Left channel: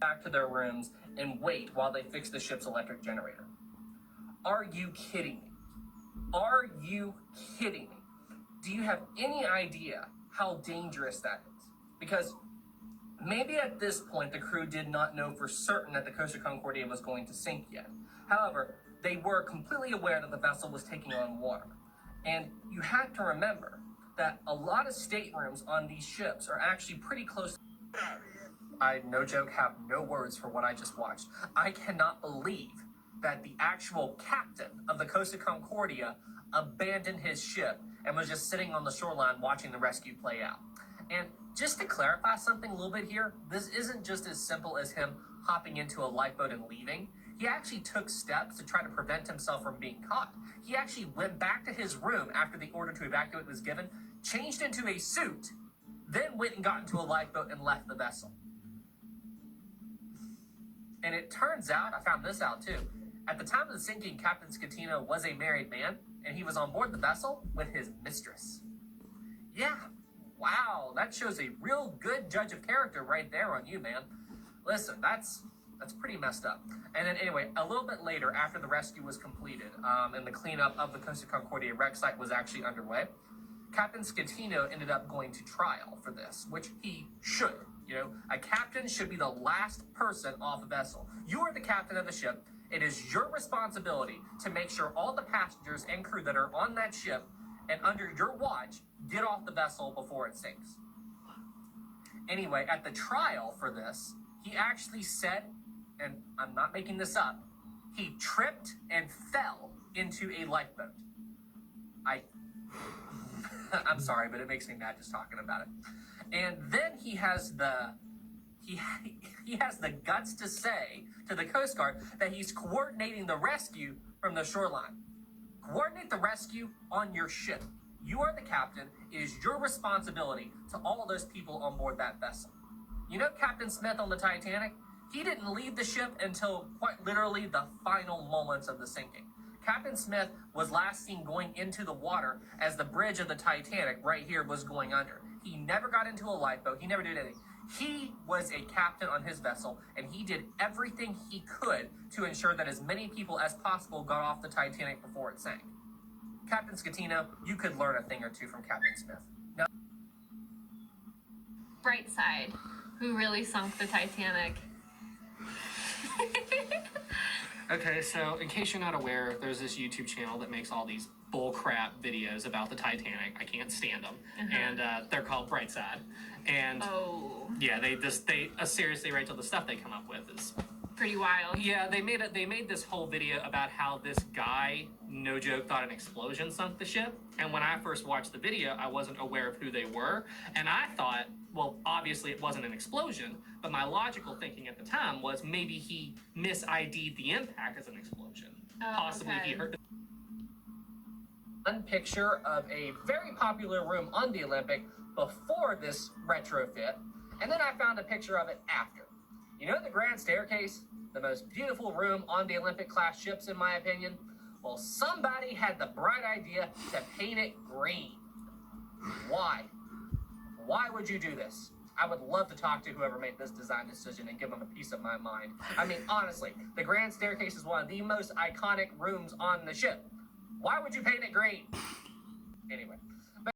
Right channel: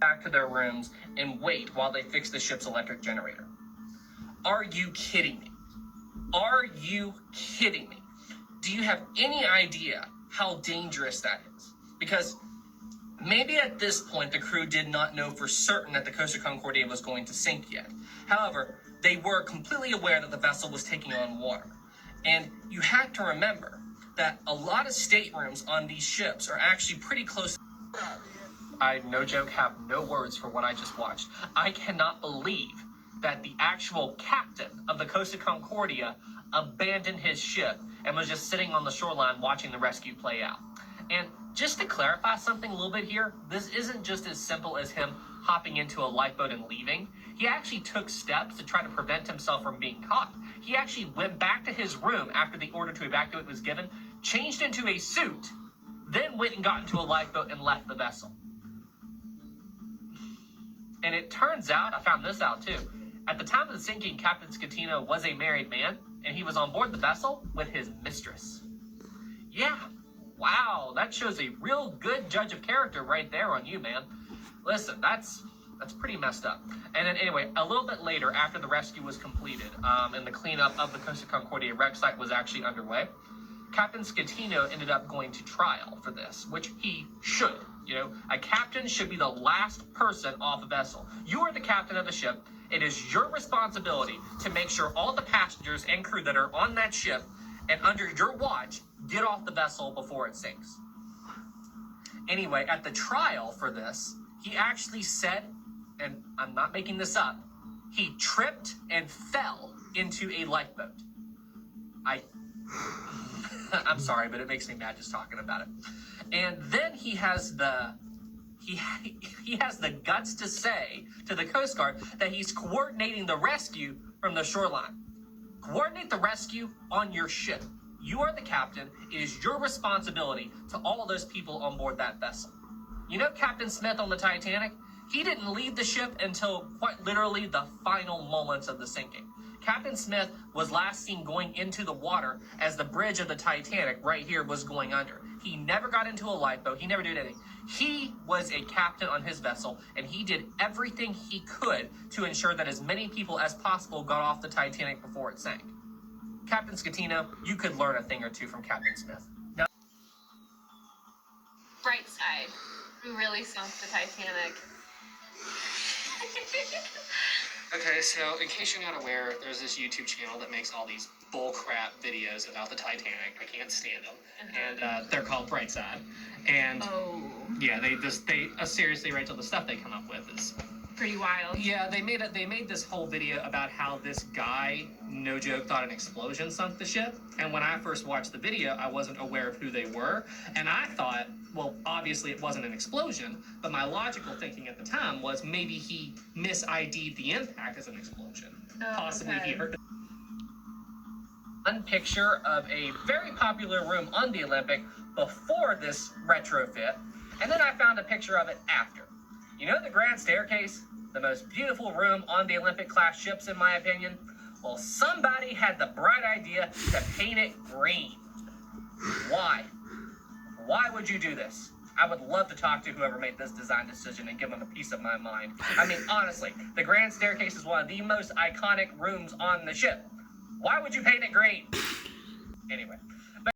back to their rooms and wait while they fix the ship's electric generator. Are you kidding me? Are you kidding me? Do you have any idea how dangerous that is? Because maybe at this point, the crew did not know for certain that the Costa Concordia was going to sink yet. However, they were completely aware that the vessel was taking on water. And you have to remember that a lot of staterooms on these ships are actually pretty close. I, no joke, have no words for what I just watched. I cannot believe that the actual captain of the Costa Concordia abandoned his ship and was just sitting on the shoreline watching the rescue play out. And just to clarify something a little bit here, this isn't just as simple as him hopping into a lifeboat and leaving. He actually took steps to try to prevent himself from being caught. He actually went back to his room after the order to evacuate was given, changed into a suit, then went and got into a lifeboat and left the vessel. And it turns out, I found this out too, at the time of the sinking, Captain Scatino was a married man, and he was on board the vessel with his mistress. Yeah, wow, that shows a real good judge of character right there on you, man. Listen, that's pretty messed up. And then anyway, a little bit later, after the rescue was completed, and the cleanup of the Costa Concordia wreck site was actually underway, Captain Scatino ended up going to trial for this, which he should. You know, a captain should be the last person off a vessel. You are the captain of the ship. It is your responsibility to make sure all the passengers and crew that are on that ship and under your watch get off the vessel before it sinks. Anyway, at the trial for this, he actually said, and I'm not making this up, he tripped and fell into a lifeboat. I'm sorry, but it makes me mad just talking about it. And then he has the guts to say to the Coast Guard that he's coordinating the rescue from the shoreline. Coordinate the rescue on your ship. You are the captain. It is your responsibility to all of those people on board that vessel. You know Captain Smith on the Titanic? He didn't leave the ship until quite literally the final moments of the sinking. Captain Smith was last seen going into the water as the bridge of the Titanic right here was going under. He never got into a lifeboat. He never did anything. He was a captain on his vessel, and he did everything he could to ensure that as many people as possible got off the Titanic before it sank. Captain Scatino, you could learn a thing or two from Captain Smith. Now, Brightside, who really sunk the Titanic. okay, so in case you're not aware, there's this YouTube channel that makes all these bullcrap videos about the Titanic. I can't stand them. And they're called Brightside. And yeah, they seriously, right, till the stuff they come up with is pretty wild. Yeah, they made this whole video about how this guy, no joke, thought an explosion sunk the ship. And when I first watched the video, I wasn't aware of who they were. And I thought, well, obviously it wasn't an explosion, but my logical thinking at the time was maybe he mis-ID'd the impact as an explosion. Possibly he heard one picture of a very popular room on the Olympic before this retrofit, and then I found a picture of it after. You know the grand staircase? The most beautiful room on the Olympic class ships, in my opinion? Well, somebody had the bright idea to paint it green. Why? Why would you do this? I would love to talk to whoever made this design decision and give them a piece of my mind. I mean, honestly, the grand staircase is one of the most iconic rooms on the ship. Why would you paint it green? Anyway.